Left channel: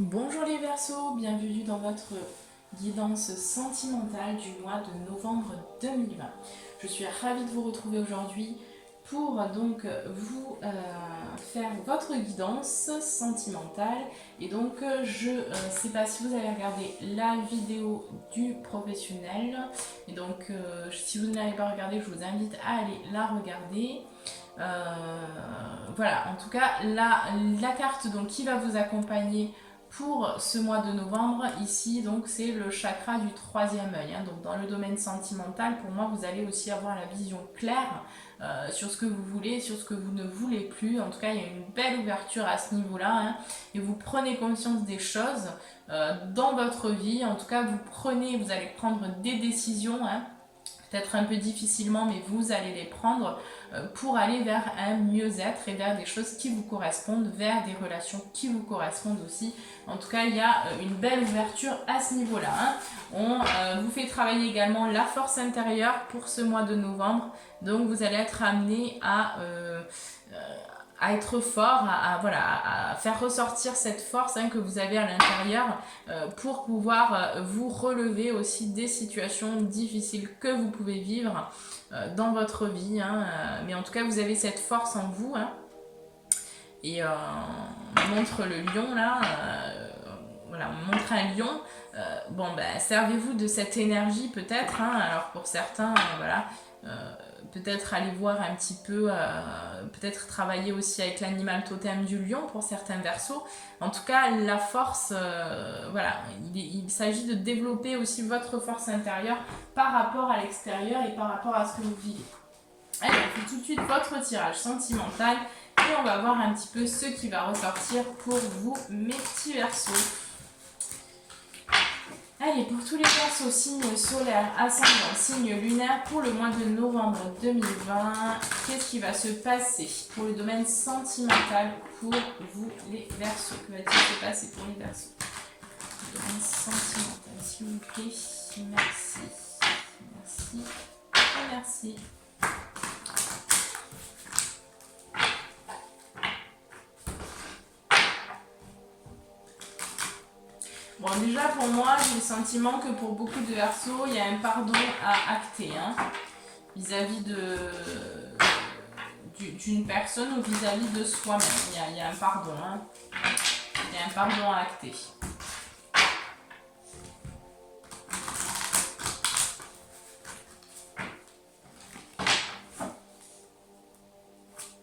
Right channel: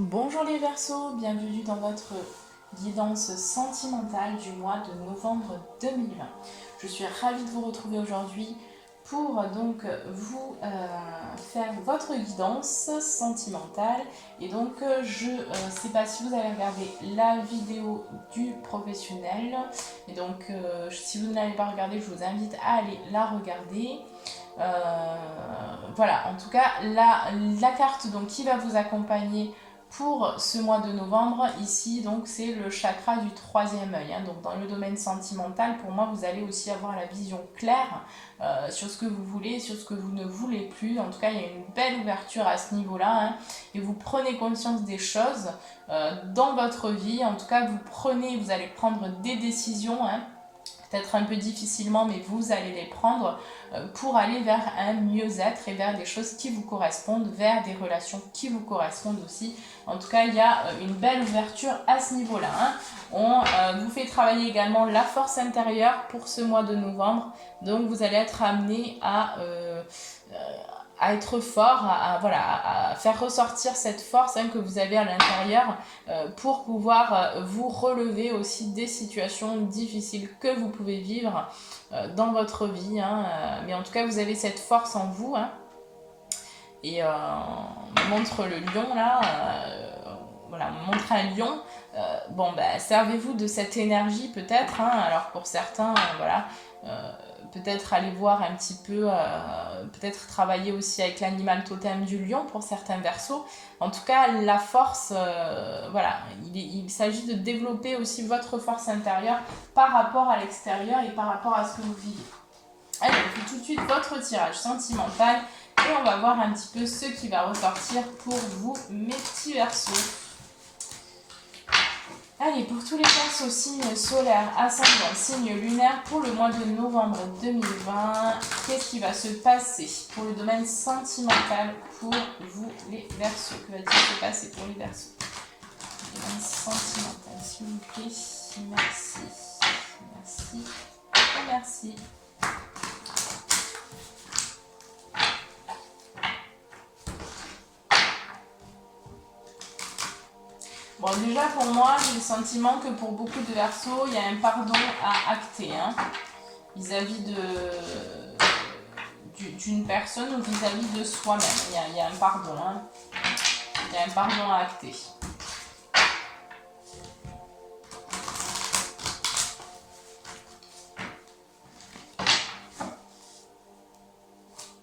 Bonjour les Verseaux, bienvenue dans votre guidance sentimentale du mois de novembre 2020. Je suis ravie de vous retrouver aujourd'hui pour donc vous faire votre guidance sentimentale. Et donc je ne sais pas si vous avez regardé la vidéo du professionnel. Et donc si vous ne l'avez pas regardée, je vous invite à aller la regarder. Voilà, en tout cas, la carte donc, qui va vous accompagner pour ce mois de novembre, ici, donc c'est le chakra du troisième œil. Hein. Donc dans le domaine sentimental, pour moi, vous allez aussi avoir la vision claire sur ce que vous voulez, sur ce que vous ne voulez plus. En tout cas, il y a une belle ouverture à ce niveau-là. Hein. Et vous prenez conscience des choses dans votre vie. En tout cas, vous allez prendre des décisions. Hein, peut-être un peu difficilement, mais vous allez les prendre pour aller vers un mieux-être et vers des choses qui vous correspondent, vers des relations qui vous correspondent aussi. En tout cas, il y a une belle ouverture à ce niveau-là. Hein. On vous fait travailler également la force intérieure pour ce mois de novembre. Donc, vous allez être amené à être fort, à faire ressortir cette force que vous avez à l'intérieur pour pouvoir vous relever aussi des situations difficiles que vous pouvez vivre dans votre vie. Hein, mais en tout cas, vous avez cette force en vous. Hein, et on montre le lion là. Voilà, on montre un lion. Servez-vous de cette énergie peut-être. Hein, alors pour certains, voilà. Peut-être aller voir un petit peu, peut-être travailler aussi avec l'animal totem du lion pour certains Verseaux. En tout cas, la force, voilà, il s'agit de développer aussi votre force intérieure par rapport à l'extérieur et par rapport à ce que vous vivez. Allez, on fait tout de suite votre tirage sentimental et on va voir un petit peu ce qui va ressortir pour vous, mes petits Verseaux. Allez, pour tous les Verseaux, signe solaire, ascendant, signe lunaire, pour le mois de novembre 2020, qu'est-ce qui va se passer pour le domaine sentimental pour vous, les Verseaux? Que va-t-il se passer pour les Verseaux? Le domaine sentimental, s'il vous plaît. Merci. Merci. Et merci. Bon, déjà pour moi, j'ai le sentiment que pour beaucoup de Verseaux, il y a un pardon à acter hein, vis-à-vis d'une personne ou vis-à-vis de soi-même. Il y a un pardon. Hein. Il y a un pardon à acter.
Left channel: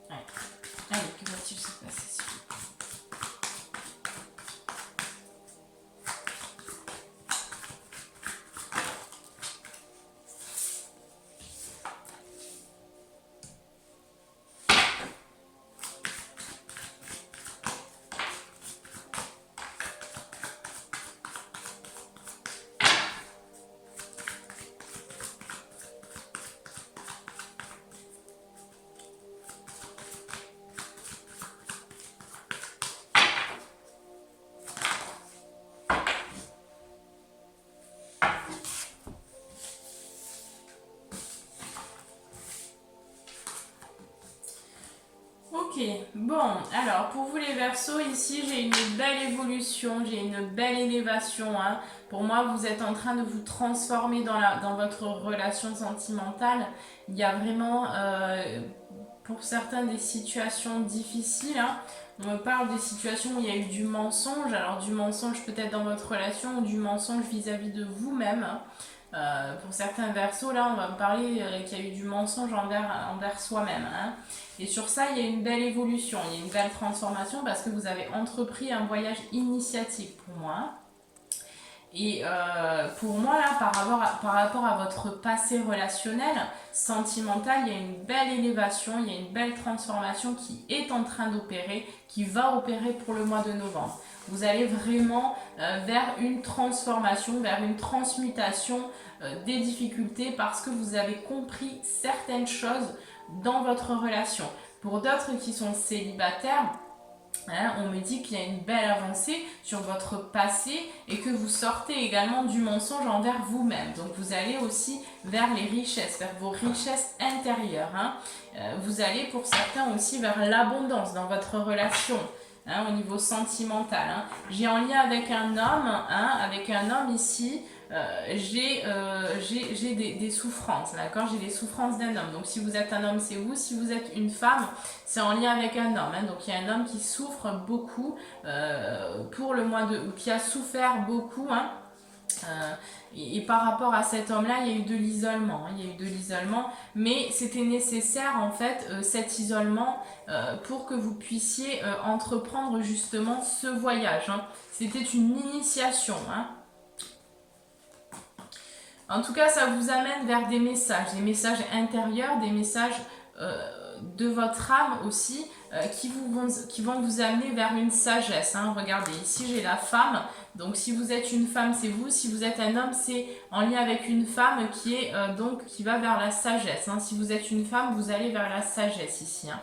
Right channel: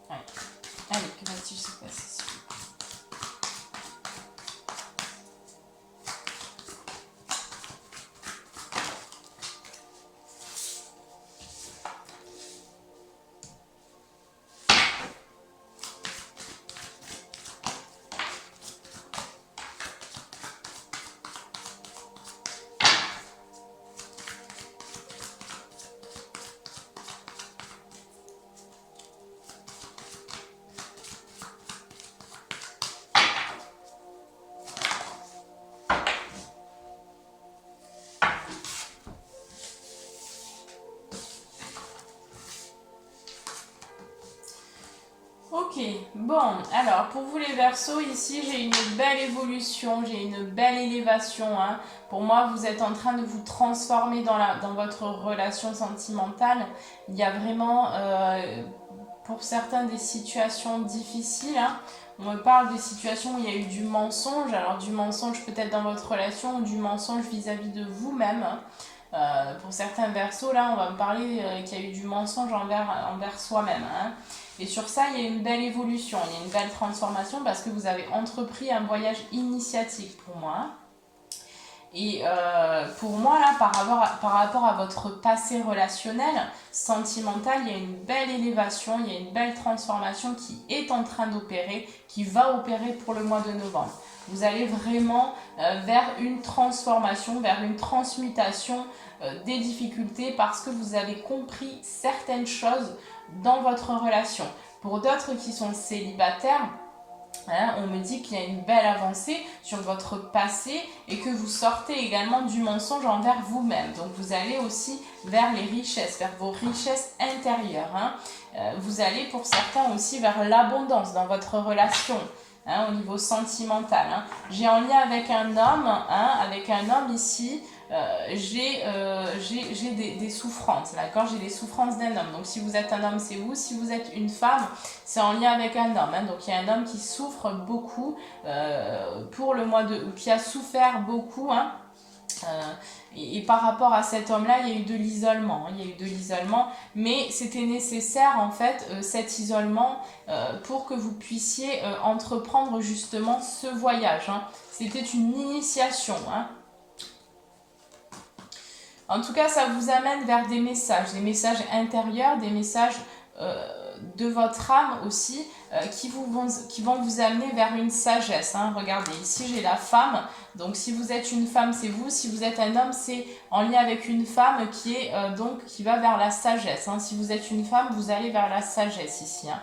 Ouais. Allez, que va-t-il se passer? Ok, bon, alors pour vous les Verseaux, ici j'ai une belle évolution, j'ai une belle élévation. Hein. Pour moi, vous êtes en train de vous transformer dans votre relation sentimentale. Il y a vraiment, pour certains, des situations difficiles. Hein. On me parle des situations où il y a eu du mensonge, alors du mensonge peut-être dans votre relation ou du mensonge vis-à-vis de vous-même. Hein. Pour certains Verseaux, là, on va me parler qu'il y a eu du mensonge envers soi-même. Hein. Et sur ça, il y a une belle évolution, il y a une belle transformation parce que vous avez entrepris un voyage initiatique pour moi. Et pour moi, là, par rapport à votre passé relationnel, sentimental, il y a une belle élévation, il y a une belle transformation qui est en train d'opérer, qui va opérer pour le mois de novembre. Vous allez vraiment vers une transformation, vers une transmutation des difficultés parce que vous avez compris certaines choses dans votre relation. Pour d'autres qui sont célibataires, hein, on me dit qu'il y a une belle avancée sur votre passé et que vous sortez également du mensonge envers vous-même. Donc vous allez aussi vers les richesses, vers vos richesses intérieures. Hein. Vous allez pour certains aussi vers l'abondance dans votre relation. hein, au niveau sentimental. Hein. J'ai en lien avec un homme, hein, ici, j'ai des souffrances, d'accord? J'ai les souffrances d'un homme. Donc si vous êtes un homme, c'est vous. Si vous êtes une femme, c'est en lien avec un homme. Hein. Donc il y a un homme qui souffre beaucoup pour le mois de... ou qui a souffert beaucoup, hein. Et par rapport à cet homme-là, il y a eu de l'isolement. Hein, il y a eu de l'isolement, mais c'était nécessaire en fait cet isolement pour que vous puissiez entreprendre justement ce voyage. Hein. C'était une initiation. Hein. En tout cas, ça vous amène vers des messages intérieurs, des messages de votre âme aussi, qui vont vous amener vers une sagesse. Hein. Regardez, ici j'ai la femme, donc si vous êtes une femme, c'est vous, si vous êtes un homme, c'est en lien avec une femme qui va vers la sagesse. Hein. Si vous êtes une femme, vous allez vers la sagesse ici. Hein.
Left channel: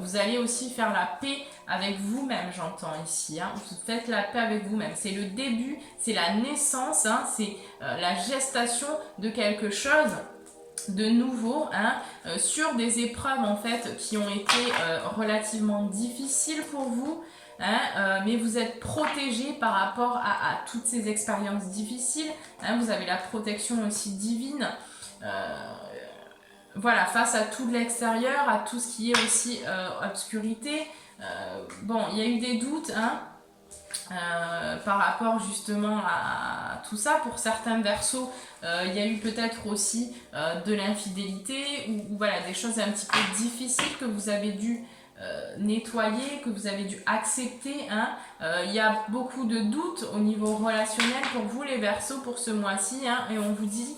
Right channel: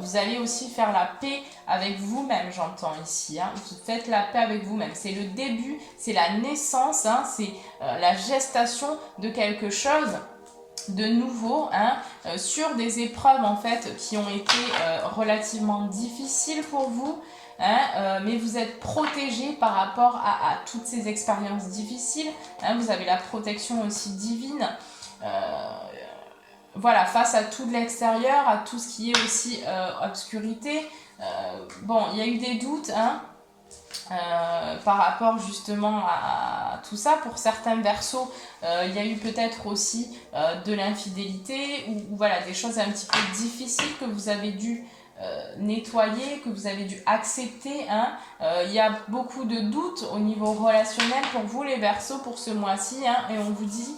Vous allez aussi faire la paix avec vous-même, j'entends ici. Hein. Vous faites la paix avec vous-même. C'est le début, c'est la naissance, hein, c'est la gestation de quelque chose de nouveau, hein, sur des épreuves en fait qui ont été relativement difficiles pour vous. Hein, mais vous êtes protégé par rapport à toutes ces expériences difficiles. Hein, vous avez la protection aussi divine. Voilà, face à tout de l'extérieur, à tout ce qui est aussi obscurité. Bon, il y a eu des doutes, hein, par rapport justement à tout ça. Pour certains versos, il y a eu peut-être aussi de l'infidélité ou voilà, des choses un petit peu difficiles que vous avez dû nettoyer, que vous avez dû accepter. Hein. Il y a beaucoup de doutes au niveau relationnel pour vous les versos pour ce mois-ci, hein, et on vous dit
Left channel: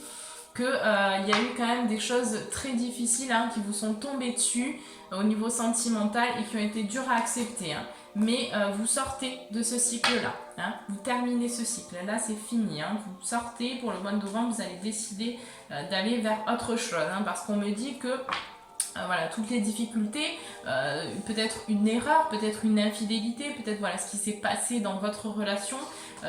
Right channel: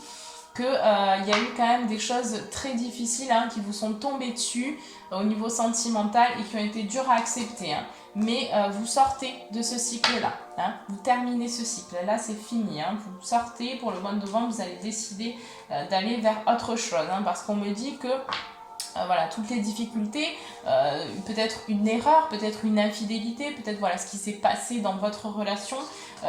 qu'il y a eu quand même des choses très difficiles, hein, qui vous sont tombées dessus au niveau sentimental et qui ont été dures à accepter. Hein. Mais vous sortez de ce cycle-là. Hein. Vous terminez ce cycle-là, c'est fini. Hein. Vous sortez, pour le mois de novembre, vous allez décider d'aller vers autre chose. Hein, parce qu'on me dit que voilà, toutes les difficultés, peut-être une erreur, peut-être une infidélité, peut-être voilà, ce qui s'est passé dans votre relation,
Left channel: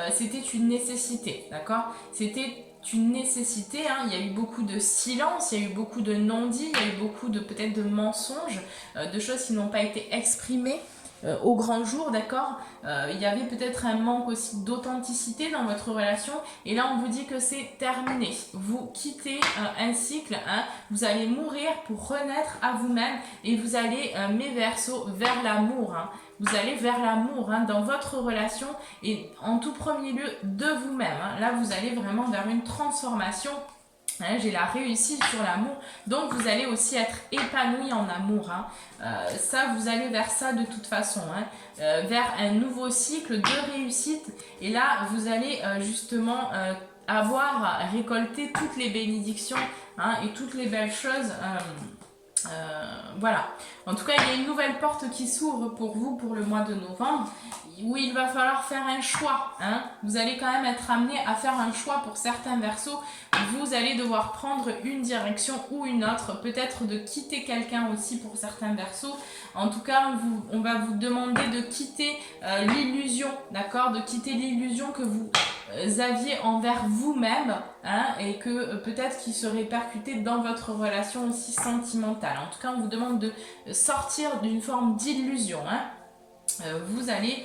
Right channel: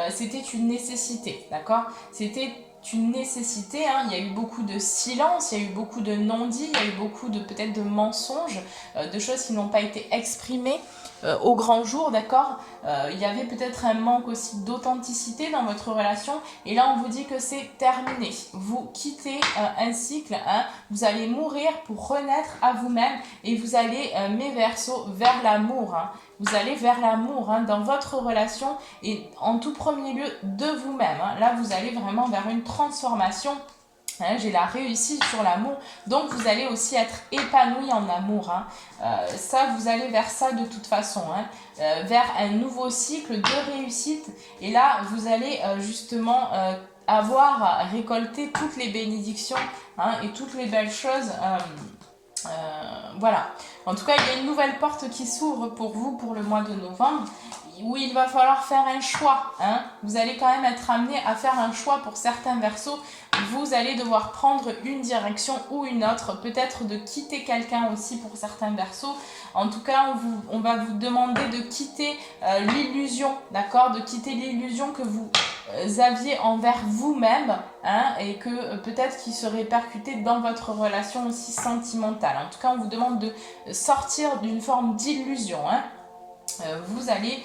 c'était une nécessité, d'accord? C'était une nécessité, hein. Il y a eu beaucoup de silence, il y a eu beaucoup de non-dits, il y a eu beaucoup de peut-être de mensonges, de choses qui n'ont pas été exprimées au grand jour, d'accord? Il y avait peut-être un manque aussi d'authenticité dans votre relation et là on vous dit que c'est terminé. Vous quittez un cycle, hein, vous allez mourir pour renaître à vous-même et vous allez, mes versos, vers l'amour. Hein. Vous allez vers l'amour, hein, dans votre relation et en tout premier lieu de vous-même. Hein. Là vous allez vraiment vers une transformation. Hein, j'ai la réussite sur l'amour, donc vous allez aussi être épanoui en amour. Hein. Ça, vous allez vers ça de toute façon, hein. Vers un nouveau cycle de réussite. Et là, vous allez justement avoir récolté toutes les bénédictions, hein, et toutes les belles choses. Voilà. En tout cas, il y a une nouvelle porte qui s'ouvre pour vous pour le mois de novembre où il va falloir faire un choix. Hein. Vous allez quand même être amené à faire un choix pour certains versos. Vous allez devoir prendre une direction ou une autre. Peut-être de quitter quelqu'un aussi pour certains versos. En tout cas, on va vous demander de quitter l'illusion, d'accord? De quitter l'illusion que vous aviez envers vous-même, hein, et que peut-être qui se répercutait dans votre relation aussi sentimentale. En tout cas, on vous demande de sortir d'une forme d'illusion. Hein. Vous allez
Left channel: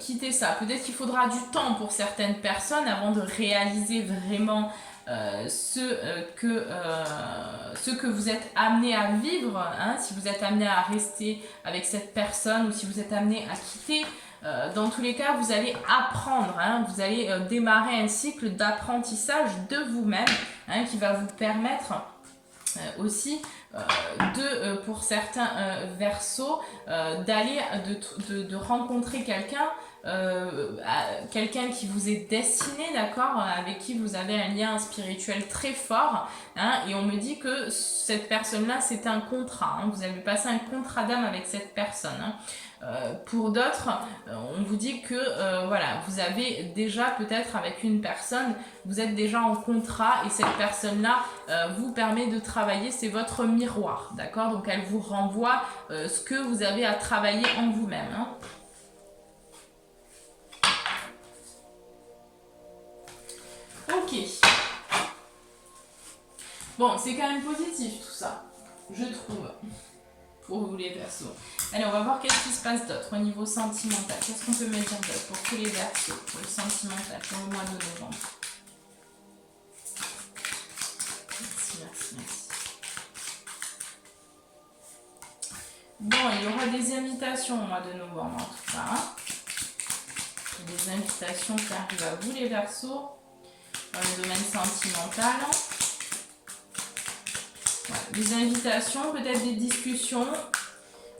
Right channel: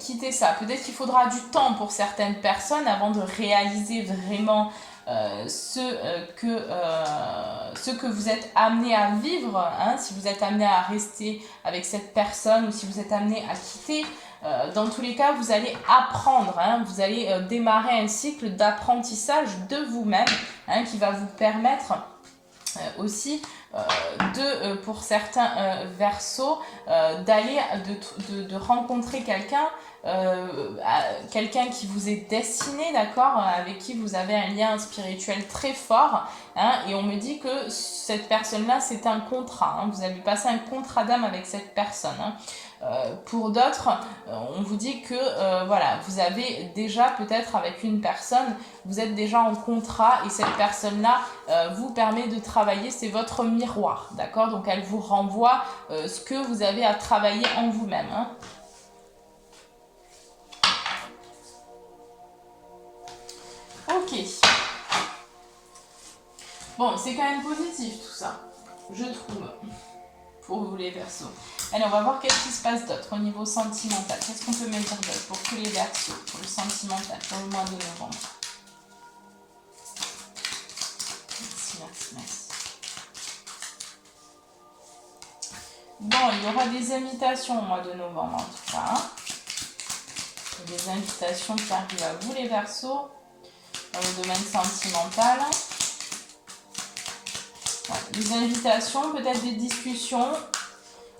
quitter ça. Peut-être qu'il faudra du temps pour certaines personnes avant de réaliser vraiment ce que vous êtes amené à vivre, hein, si vous êtes amené à rester avec cette personne ou si vous êtes amené à quitter. Dans tous les cas, vous allez apprendre, hein, vous allez démarrer un cycle d'apprentissage de vous-même, hein, qui va vous permettre aussi pour certains versos, d'aller, de rencontrer quelqu'un, quelqu'un qui vous est destiné, d'accord, avec qui vous avez un lien spirituel très fort, hein, et on me dit que cette personne-là, c'est un contrat, hein, vous avez passé un contrat d'âme avec cette personne. Hein. Pour d'autres, on vous dit que voilà, vous avez déjà peut-être avec une personne, vous êtes déjà en contrat et cette personne-là vous permet de travailler, c'est votre miroir, d'accord? Donc elle vous renvoie ce que vous avez à travailler en vous-même. Hein. Ok. Bon, c'est quand même positif tout ça, je trouve, pour vous les Verseaux. Allez, on va voir qu'est-ce qui se passe d'autre au niveau sentimental. Qu'est-ce qu'on peut me dire d'autre pour tous les Verseaux, pour le sentimental, pour le mois de novembre. Merci, merci, merci. Bon, il y aura des invitations au mois de novembre en tout cas. Hein. Des invitations qui arrivent à vous les Verseaux, dans le domaine sentimental. Ouais, des invitations, peut-être des discussions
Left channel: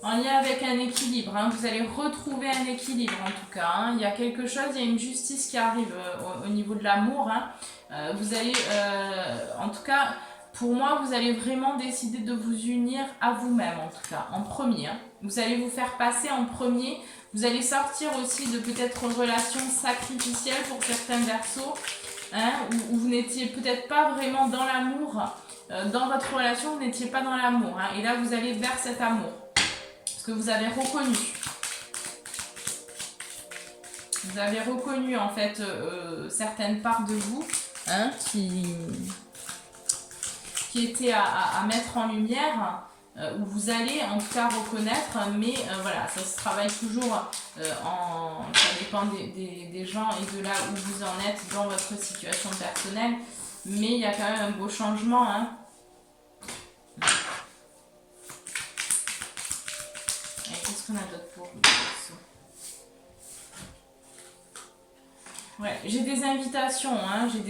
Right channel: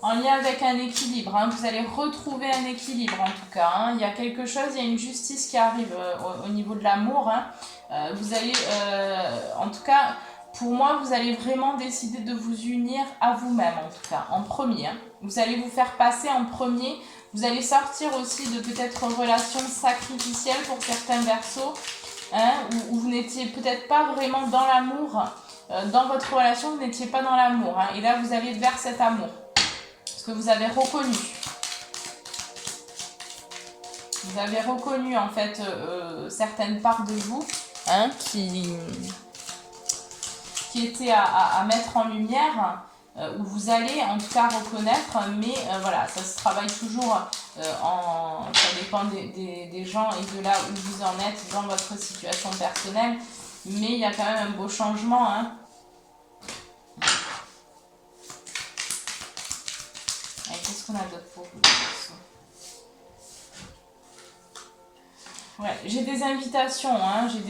en lien avec un équilibre. Hein. Vous allez retrouver un équilibre en tout cas. Hein. Il y a quelque chose, il y a une justice qui arrive au niveau de l'amour. Hein. Vous allez, en tout cas, pour moi, vous allez vraiment décider de vous unir à vous-même en tout cas, en premier. Hein. Vous allez vous faire passer en premier. Vous allez sortir aussi de peut-être relations sacrificielles pour certains Verseaux, hein, où vous n'étiez peut-être pas vraiment dans l'amour. Dans votre relation, vous n'étiez pas dans l'amour. Hein, et là, vous allez vers cet amour. Parce que vous avez reconnu. Vous avez reconnu, en fait, certaines parts de vous, hein, qui étaient à mettre en lumière, où vous allez, en tout cas, reconnaître. Mais voilà, ça se travaille toujours ça dépend des gens et de là où vous en êtes dans votre situation personnelle. Mais il y a quand même un beau changement. Hein. Qu'est-ce qu'on a d'autre pour vous? Ouais, j'ai des invitations, hein, j'ai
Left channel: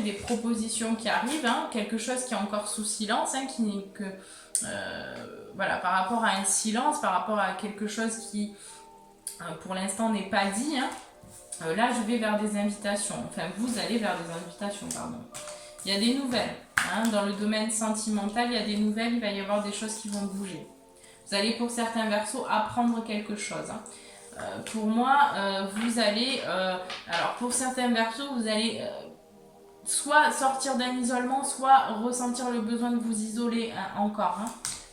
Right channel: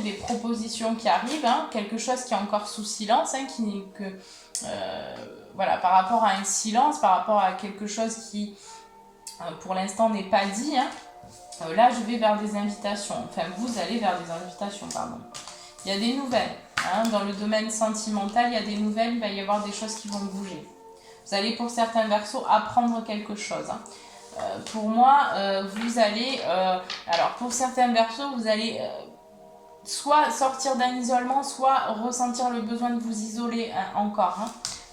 des propositions qui arrivent, hein, quelque chose qui est encore sous silence, hein, voilà, par rapport à un silence, par rapport à quelque chose qui, pour l'instant, n'est pas dit. Hein. Là, je vais vers des invitations, enfin, vous allez vers des invitations, pardon. Il y a des nouvelles, hein, dans le domaine sentimental, il y a des nouvelles, il va y avoir des choses qui vont bouger. Vous allez, pour certains Verseaux, apprendre quelque chose. Hein. Pour moi, vous allez... alors, pour certains Verseaux, vous allez soit sortir d'un isolement, soit ressentir le besoin de vous isoler encore, hein,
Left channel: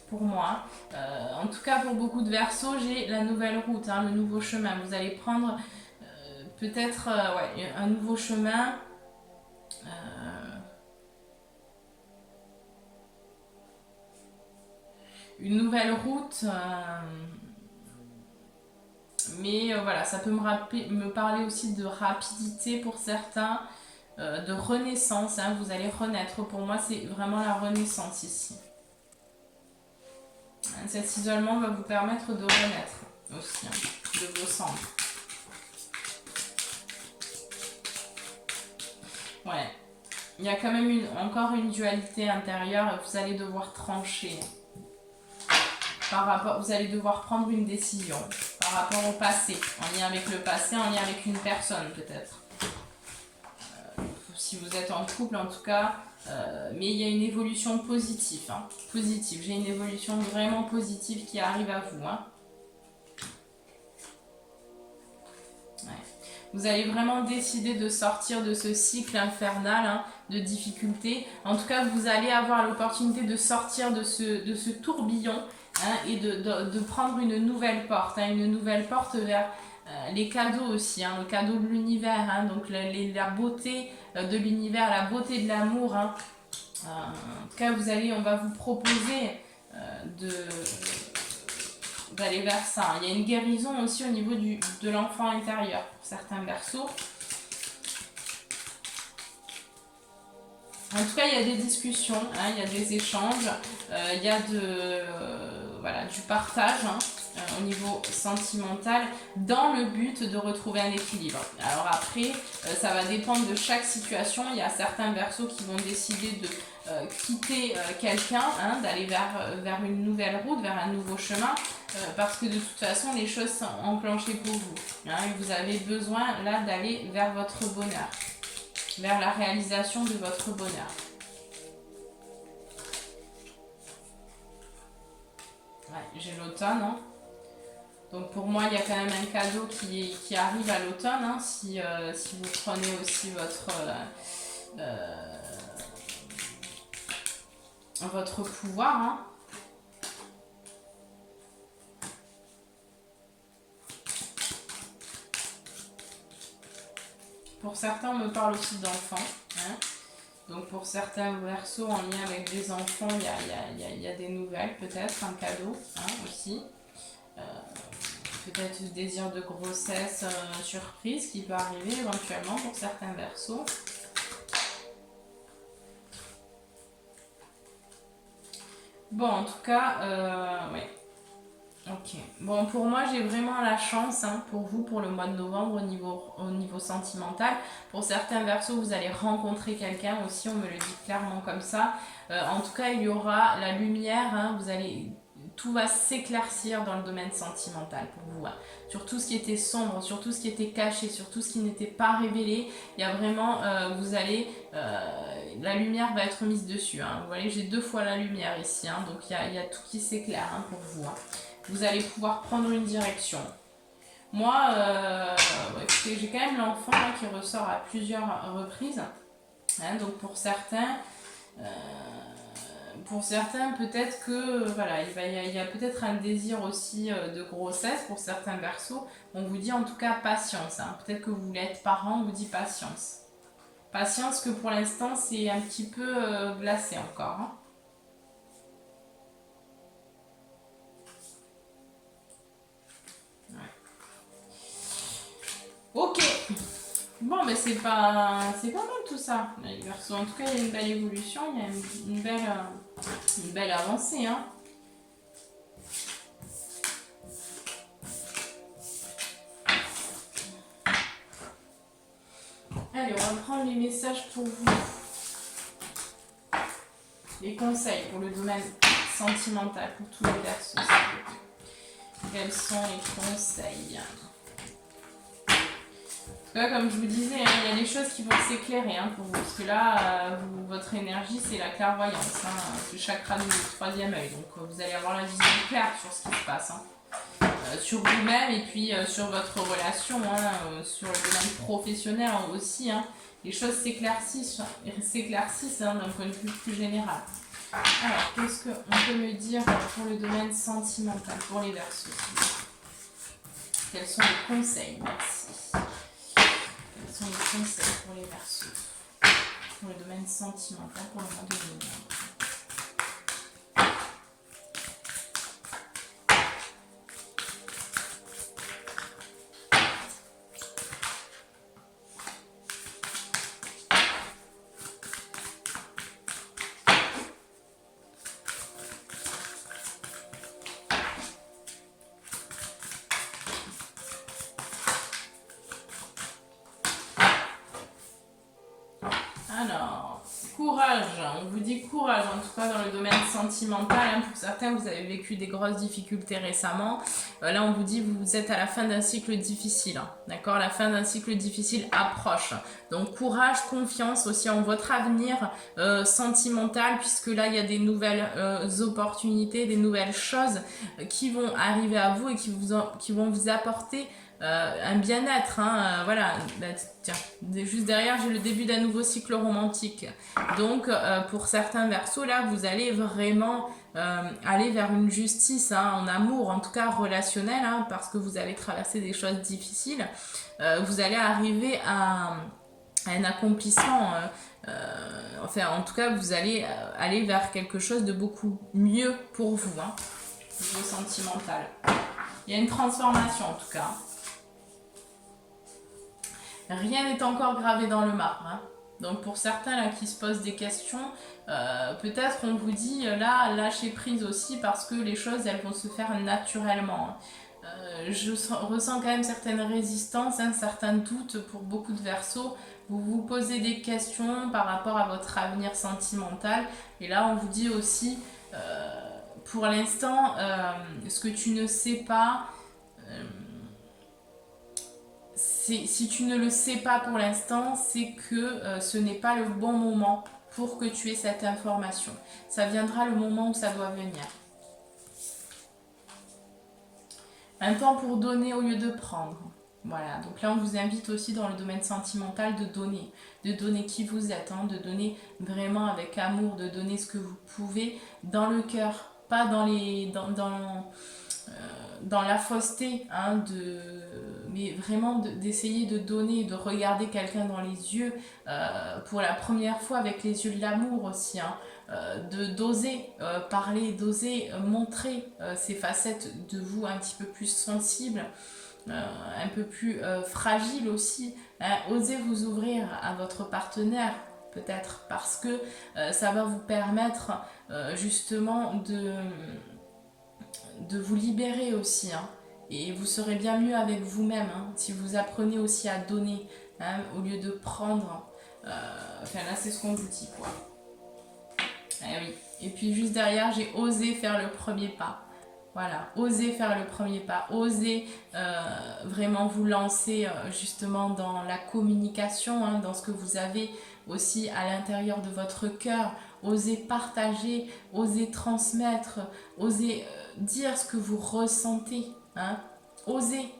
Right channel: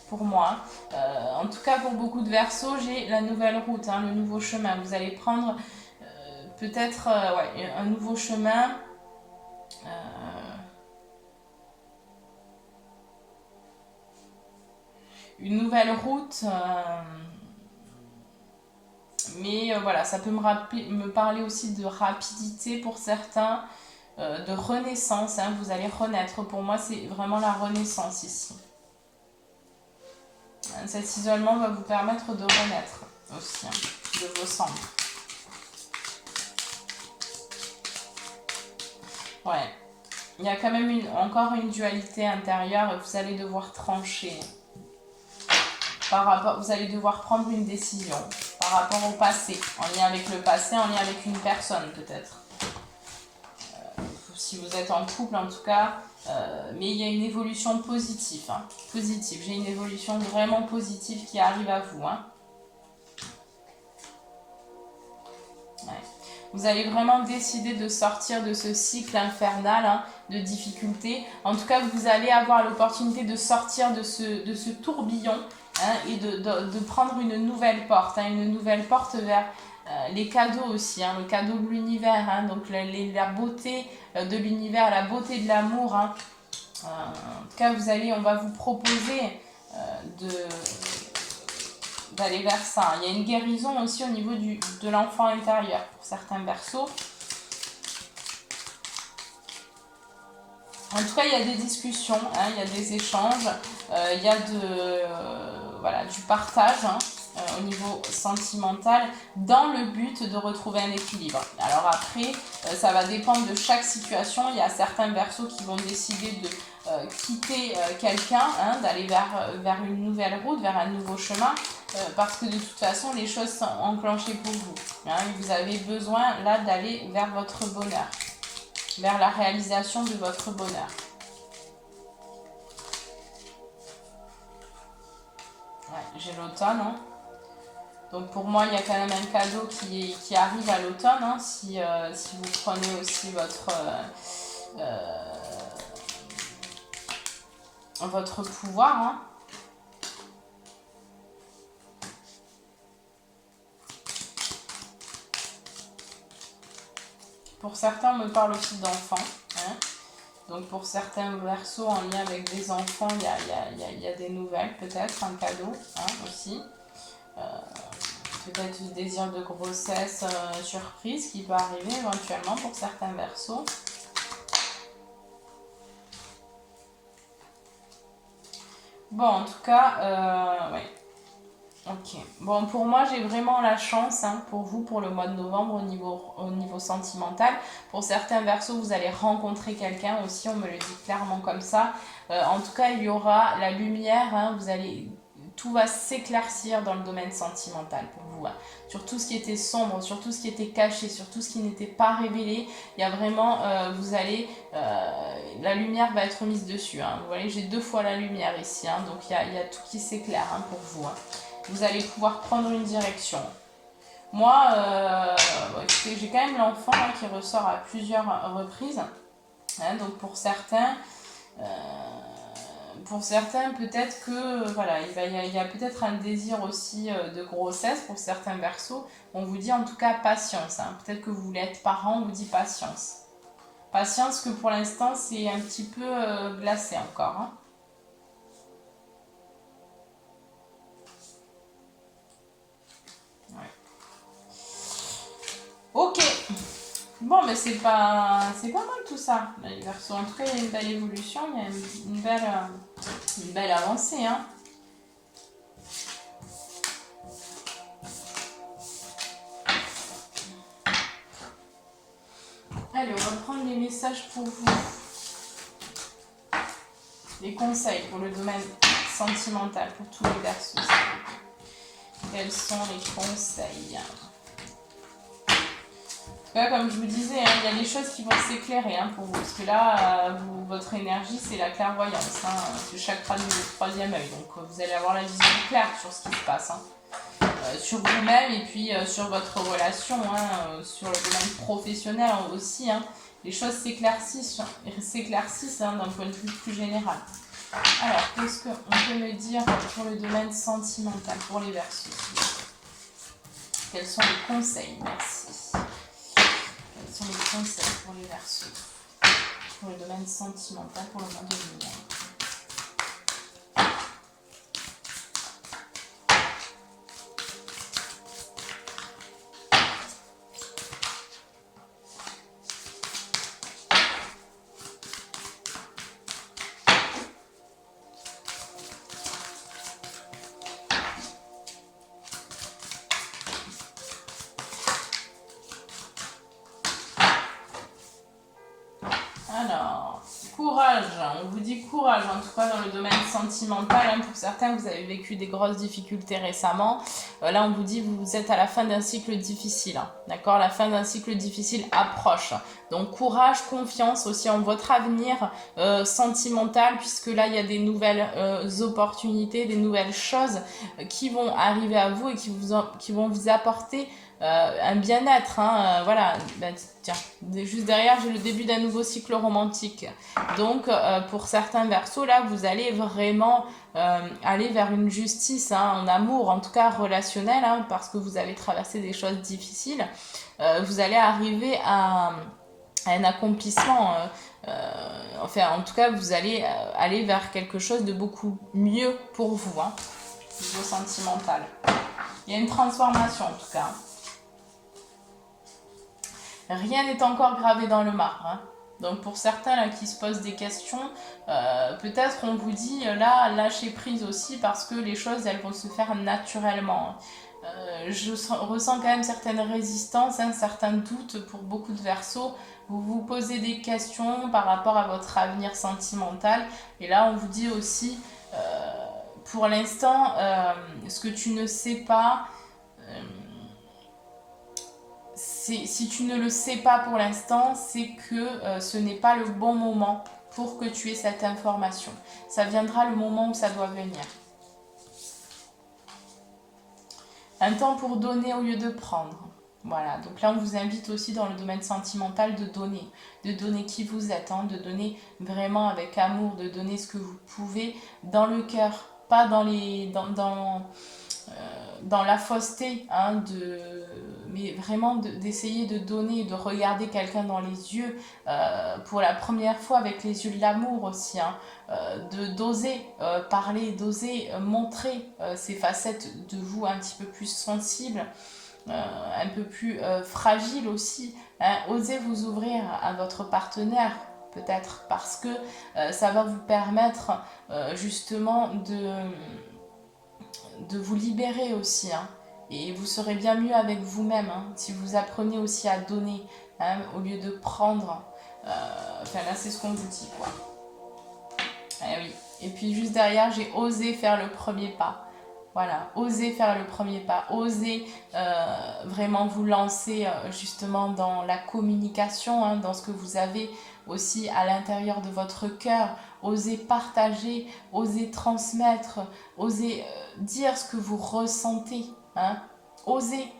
pour moi. En tout cas, pour beaucoup de Verseaux, j'ai la nouvelle route, hein, le nouveau chemin. Vous allez prendre peut-être ouais, un nouveau chemin. Une nouvelle route, mais voilà, ça peut me parler aussi de rapidité pour certains, de renaissance, hein, vous allez renaître. Pour moi, c'est vraiment la renaissance ici. Cet isolement va vous permettre de renaître aussi, hein, de vos cendres. Ouais, il y a quand même encore une dualité intérieure et vous allez devoir trancher. Vous allez devoir prendre une décision par rapport au passé, en lien avec le passé, en lien avec une personne peut-être. Si vous êtes en couple en tout cas, mais il y a une évolution positive. Hein, positive. J'ai une évolution vraiment positive qui arrive à vous. Hein. Ouais. Vous allez vraiment décider de sortir de ce cycle infernal, hein, de difficultés. En tout cas, vous allez avoir l'opportunité de sortir de ce tourbillon. Hein, et de prendre une nouvelle porte, hein, vers les cadeaux aussi, hein, le cadeau de l'univers, hein, donc la beauté de l'univers, la beauté de l'amour. Hein. En tout cas, on va vous proposer d'aller vers ça. Il y a une guérison aussi au niveau de l'enfant intérieur pour certains Verseaux. En tout cas, il y a des discussions, hein, il y a des échanges, il y a du partage, hein, au niveau sentimental, dans le but de retrouver un équilibre. Alors après, ça va dépendre de chaque situation. Il y a certains Verseaux qui vont décider de quitter quelqu'un, hein, d'aller vers une nouvelle route, vers un nouveau chemin, parce que de toute façon, les choses sont enclenchées pour vous. Hein, et vous avez besoin là d'aller vers votre bonheur, vers la réalisation de votre bonheur. Ouais, j'ai l'automne. Hein. Donc pour moi, il y a quand même un cadeau qui arrive à l'automne. Hein, si vous prenez aussi votre pouvoir. Hein. Pour certains, on me parle aussi d'enfants. Hein. Donc pour certains Verseaux en lien avec des enfants, il y a des nouvelles peut-être, un cadeau, hein, aussi. peut-être le désir de grossesse surprise qui peut arriver éventuellement pour certains Verseaux. Bon, en tout cas, ouais. Ok. Bon, pour moi, j'ai vraiment la chance pour vous, pour le mois de novembre au niveau sentimental. Pour certains Verseaux, vous allez rencontrer quelqu'un aussi, on me le dit clairement comme ça. En tout cas, il y aura la lumière, tout va s'éclaircir dans le domaine sentimental pour vous. Sur tout ce qui était sombre, sur tout ce qui était caché, sur tout ce qui n'était pas révélé, il y a vraiment, la lumière va être mise dessus. Vous voyez, j'ai 2 fois la lumière ici, donc il y a tout qui s'éclaire pour vous. Vous allez pouvoir prendre une direction. Moi, écoutez, j'ai quand même l'enfant qui ressort à plusieurs reprises. Donc pour certains, peut-être que voilà, il y a peut-être un désir aussi de grossesse pour certains Verseaux. On vous dit en tout cas patience. Peut-être que vous voulez être parent, on vous dit patience. Patience que pour l'instant c'est un petit peu glacé encore. Ok. Bon, mais c'est pas mal tout ça, les Verseaux. En tout cas, il y a une belle évolution, il y a une belle avancée. Allez, on va prendre les messages pour vous. Les conseils pour le domaine sentimental, pour tous les Verseaux. Quels sont les conseils ? Comme je vous disais, il y a des choses qui vont s'éclairer pour vous. Parce que là, votre énergie, c'est la clairvoyance. Le chakra du 3e œil. Donc, vous allez avoir la vision claire sur ce qui se passe. Sur vous-même et puis sur votre relation, sur le domaine professionnel aussi. Les choses s'éclaircissent d'un point de vue plus général. Alors, qu'est-ce qu'on peut me dire pour le domaine sentimental, pour les Verseaux ? Quels sont les conseils ? Merci. Quels sont les conseils pour les Verseaux, pour le domaine sentimental pour le mois de novembre? Alors, courage, on vous dit courage, en tout cas dans le domaine sentimental. Pour certains, vous avez vécu des grosses difficultés récemment. Là, on vous dit vous êtes à la fin d'un cycle difficile. D'accord, la fin d'un cycle difficile approche. Donc, courage, confiance aussi en votre avenir sentimental, puisque là, il y a des nouvelles opportunités, des nouvelles choses qui vont arriver à vous et qui vont vous apporter un bien-être, voilà. Tiens, juste derrière j'ai le début d'un nouveau cycle romantique. Donc pour certains Verseaux, là vous allez vraiment aller vers une justice en amour, en tout cas relationnel, parce que vous avez traversé des choses difficiles. Vous allez arriver à un accomplissement. En tout cas vous allez aller vers quelque chose de beaucoup mieux pour vous, niveau sentimental. Il y a une transformation en tout cas. Rien n'est encore gravé dans le marbre. Donc pour certains là, qui se posent des questions, peut-être on vous dit là, lâchez prise aussi parce que les choses elles vont se faire naturellement. Je ressens quand même certaines résistances, certains doutes pour beaucoup de Verseaux. Vous vous posez des questions par rapport à votre avenir sentimental. Et là on vous dit aussi, pour l'instant, ce que tu ne sais pas... si tu ne le sais pas pour l'instant, c'est que ce n'est pas le bon moment pour que tu aies cette information. Ça viendra le moment où ça doit venir. Un temps pour donner au lieu de prendre. Voilà, donc là on vous invite aussi dans le domaine sentimental de donner qui vous êtes, de donner vraiment avec amour, de donner ce que vous pouvez dans le cœur, pas dans la fausseté, mais vraiment d'essayer de donner, de regarder quelqu'un dans les yeux pour la première fois avec les yeux de l'amour aussi, hein, d'oser parler, d'oser montrer ces facettes de vous un petit peu plus sensibles, un peu plus fragiles aussi, hein. Osez vous ouvrir à votre partenaire, peut-être parce que ça va vous permettre justement de vous libérer aussi, hein. Et vous serez bien mieux avec vous-même, hein, si vous apprenez aussi à donner, hein, au lieu de prendre. Enfin là c'est ce qu'on vous dit, quoi. Eh oui. Et puis juste derrière, j'ai osé faire le premier pas. Voilà, osez faire le premier pas, osez vraiment vous lancer justement dans la communication, hein, dans ce que vous avez aussi à l'intérieur de votre cœur. Osez partager, osez transmettre, osez dire ce que vous ressentez, hein. Osez.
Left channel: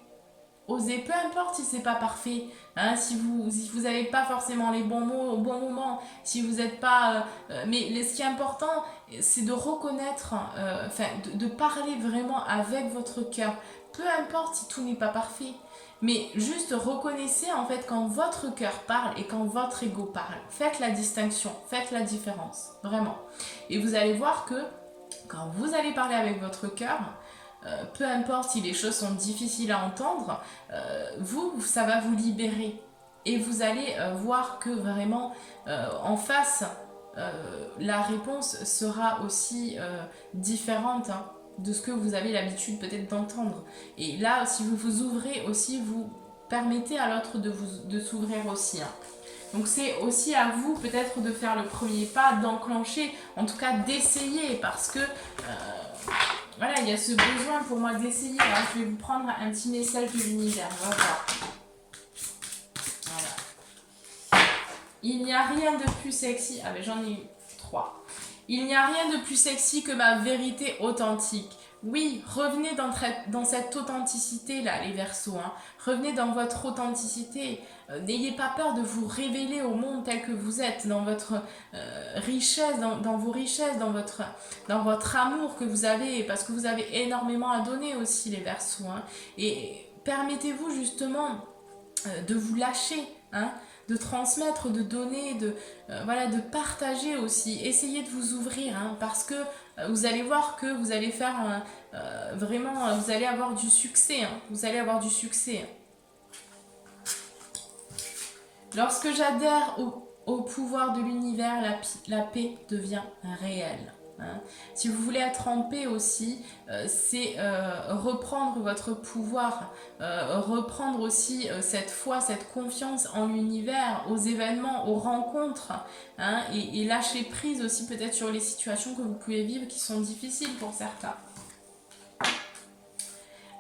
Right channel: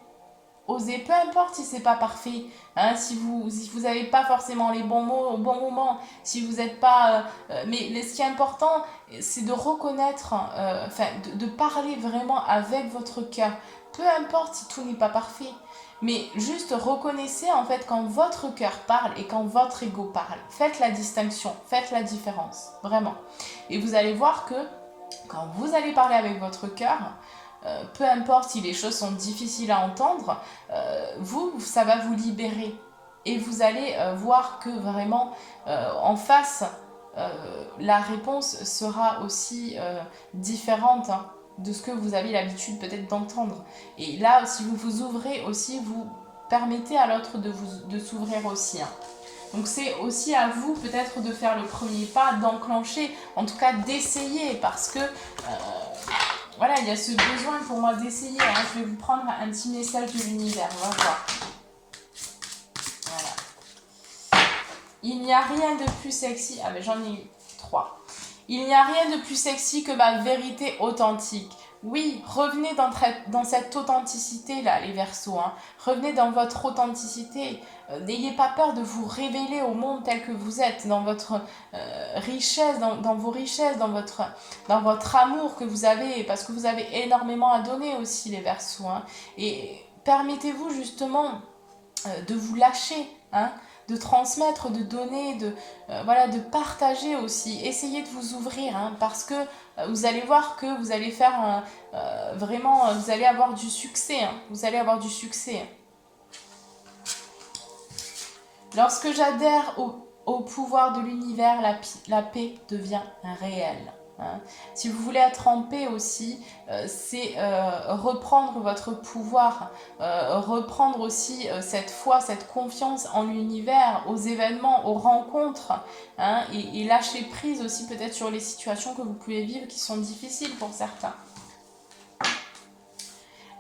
Osez, peu importe si c'est pas parfait, hein, si vous n'avez pas forcément les bons mots au bon moment, si vous n'êtes pas... mais ce qui est important, c'est de reconnaître, enfin, de parler vraiment avec votre cœur. Peu importe si tout n'est pas parfait, mais juste reconnaissez en fait quand votre cœur parle et quand votre ego parle. Faites la distinction, faites la différence, vraiment. Et vous allez voir que quand vous allez parler avec votre cœur, peu importe si les choses sont difficiles à entendre, ça va vous libérer. Et vous allez voir que vraiment, en face, la réponse sera aussi différente, hein, de ce que vous avez l'habitude peut-être d'entendre. Et là, si vous vous ouvrez aussi, vous permettez à l'autre de s'ouvrir aussi, hein. Donc c'est aussi à vous peut-être de faire le premier pas, d'enclencher, en tout cas d'essayer, parce que voilà, il y a ce besoin pour moi d'essayer, hein. Je vais vous prendre un petit message de l'univers, on va voir. Voilà. Il n'y a rien de plus sexy. Ah ben j'en ai eu 3. Il n'y a rien de plus sexy que ma vérité authentique. Oui, revenez dans cette authenticité-là, les Verseaux, hein. Revenez dans votre authenticité. N'ayez pas peur de vous révéler au monde tel que vous êtes, dans votre richesse, dans vos richesses, dans votre amour que vous avez, parce que vous avez énormément à donner aussi, les Verseaux, hein. Et permettez-vous justement de vous lâcher, hein, de transmettre, de donner, voilà, de partager aussi. Essayez de vous ouvrir, hein, parce que vous allez voir que vous allez faire vraiment, vous allez avoir du succès, hein, vous allez avoir du succès. Lorsque j'adhère au pouvoir de l'univers, la paix devient réelle. Hein. Si vous voulez être en paix aussi, c'est reprendre votre pouvoir, reprendre aussi cette foi, cette confiance en l'univers, aux événements, aux rencontres, hein, et lâcher prise aussi peut-être sur les situations que vous pouvez vivre qui sont difficiles pour certains.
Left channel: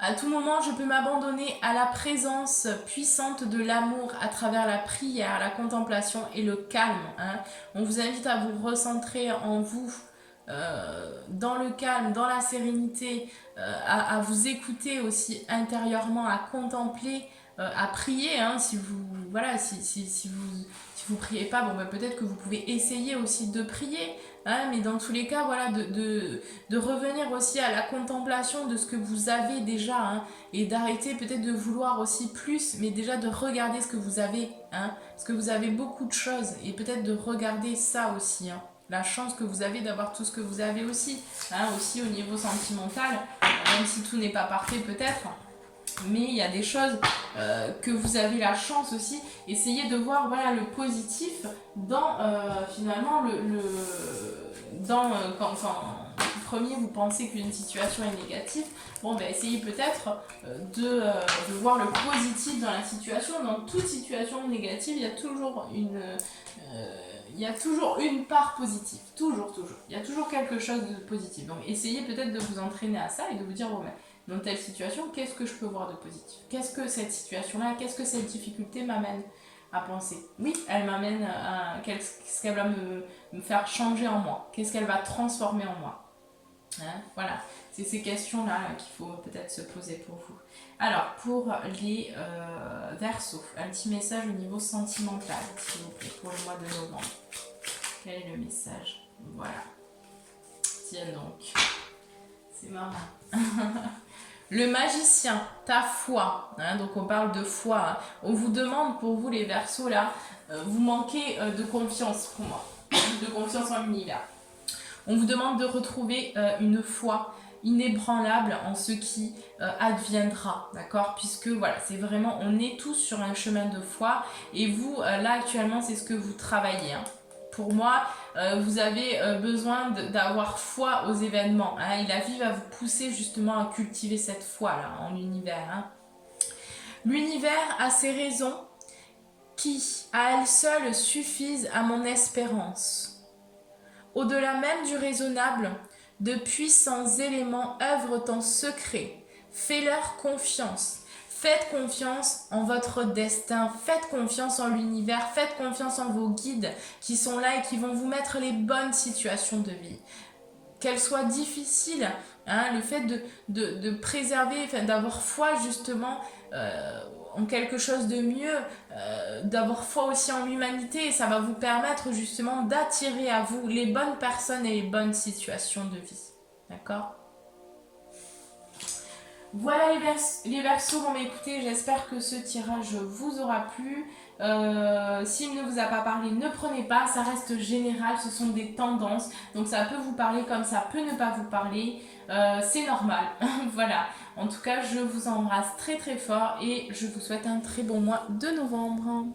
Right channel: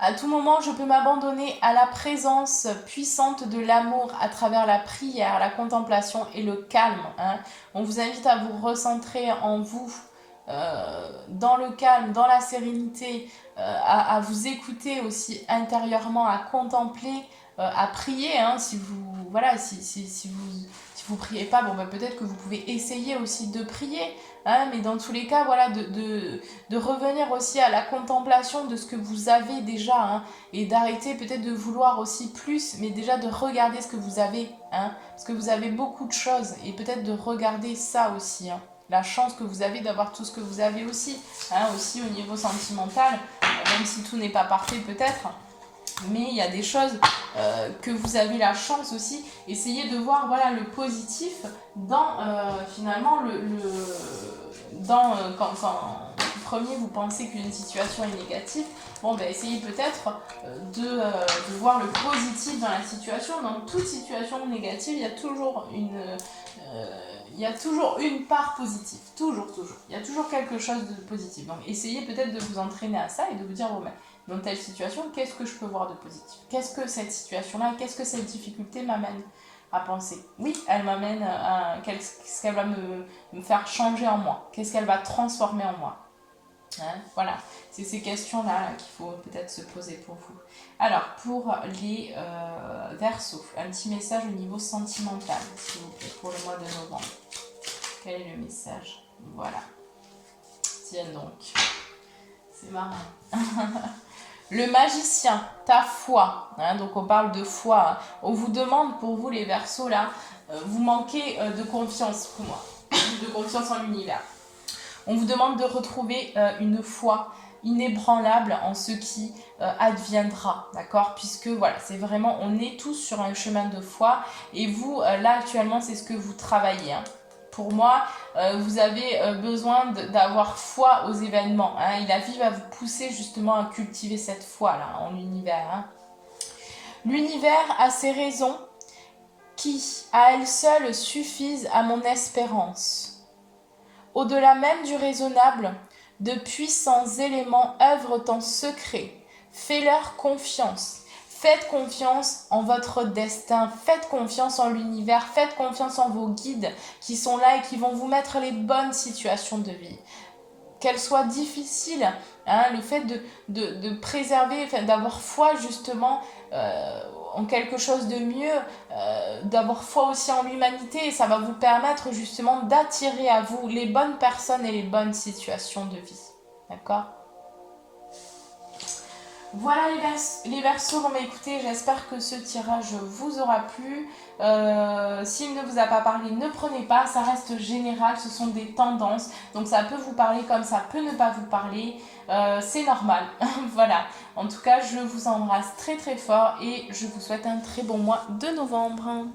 À tout moment, je peux m'abandonner à la présence puissante de l'amour à travers la prière, la contemplation et le calme, hein. On vous invite à vous recentrer en vous, dans le calme, dans la sérénité, à vous écouter aussi intérieurement, à contempler, à prier, hein, si vous priez pas, bon, bah, peut-être que vous pouvez essayer aussi de prier, hein, mais dans tous les cas, voilà, de revenir aussi à la contemplation de ce que vous avez déjà, hein, et d'arrêter peut-être de vouloir aussi plus, mais déjà de regarder ce que vous avez, hein, parce que vous avez beaucoup de choses, et peut-être de regarder ça aussi, hein, la chance que vous avez d'avoir tout ce que vous avez aussi, hein, aussi au niveau sentimental, même si tout n'est pas parfait peut-être, mais il y a des choses que vous avez la chance aussi. Essayez de voir, voilà, le positif dans finalement quand premier vous pensez qu'une situation est négative, bon, ben, essayez peut-être de voir le positif dans la situation. Dans toute situation négative, il y a toujours une part positive, toujours, il y a toujours quelque chose de positif. Donc essayez peut-être de vous entraîner à ça et de vous dire, bon, ben, dans telle situation, qu'est-ce que je peux voir de positif? Qu'est-ce que cette situation-là, qu'est-ce que cette difficulté m'amène à penser? Oui, elle m'amène à... Qu'est-ce qu'elle va me faire changer en moi? Qu'est-ce qu'elle va transformer en moi? Hein, voilà, c'est ces questions-là qu'il faut peut-être se poser pour vous. Alors, pour les Verseaux, un petit message au niveau sentimental, s'il vous plaît, pour le mois de novembre. Quel est le message? Voilà. Tiens donc. C'est marrant. Le magicien, ta foi, hein, donc on parle de foi, hein. On vous demande pour vous les Verseaux là, vous manquez de confiance pour moi, de confiance en l'univers. On vous demande de retrouver une foi inébranlable en ce qui adviendra, d'accord? Puisque voilà, c'est vraiment, on est tous sur un chemin de foi et vous, là actuellement, c'est ce que vous travaillez, hein. Pour moi, vous avez besoin d'avoir foi aux événements, hein, et la vie va vous pousser justement à cultiver cette foi-là en l'univers, hein. L'univers a ses raisons qui, à elles seules, suffisent à mon espérance. Au-delà même du raisonnable, de puissants éléments œuvrent en secret. Fais-leur confiance. Faites confiance en votre destin, faites confiance en l'univers, faites confiance en vos guides qui sont là et qui vont vous mettre les bonnes situations de vie. Qu'elles soient difficiles, hein, le fait de préserver, d'avoir foi justement en quelque chose de mieux, d'avoir foi aussi en l'humanité, et ça va vous permettre justement d'attirer à vous les bonnes personnes et les bonnes situations de vie. D'accord ? Voilà les Verseaux. Bon, bah, écoutez, j'espère que ce tirage vous aura plu. S'il ne vous a pas parlé, ne prenez pas, ça reste général, ce sont des tendances, donc ça peut vous parler comme ça peut ne pas vous parler, c'est normal. Voilà, en tout cas je vous embrasse très très fort et je vous souhaite un très bon mois de novembre.